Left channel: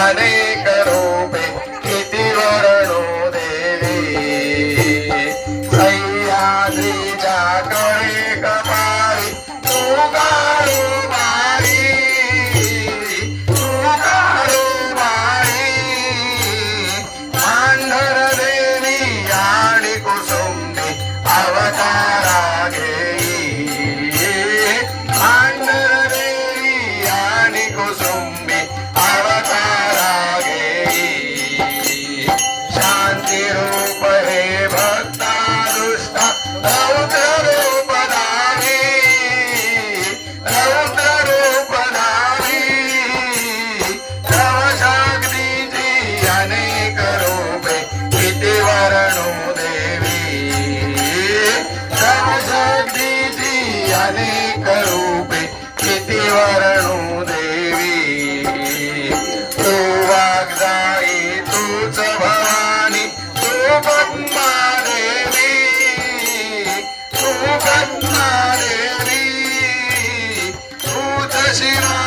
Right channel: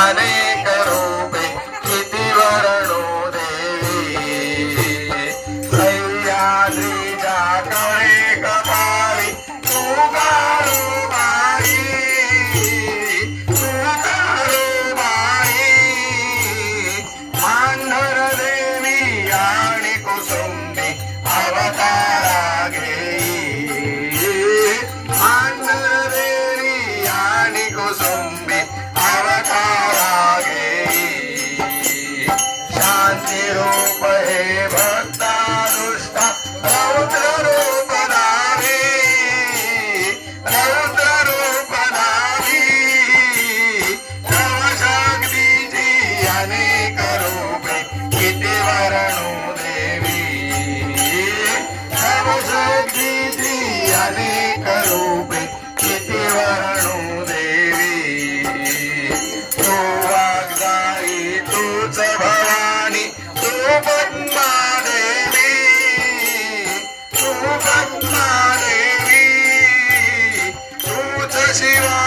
अनेक रूपे किती वर्णो देवी सह्याद्रीच्या कडे कपाळी तू काळूबाई मांढर देवी आणि कुसुंबी अवतारा घेई मांढर देवी आणि कुसुंबी अवतारा घेई शांती रूप हे भक्ता दुष्टा रौद्र रूप धारी रौद्र रूप धारी तव शक्तीची अनेक रूपे किती वर्णो देवी तव शक्तीची अनेक रूपे किती वर्णो देवी तू वाग्दाई तूच भवानी तू ब्रह्मा देवी तू ब्रह्मा देवी तूच शिवा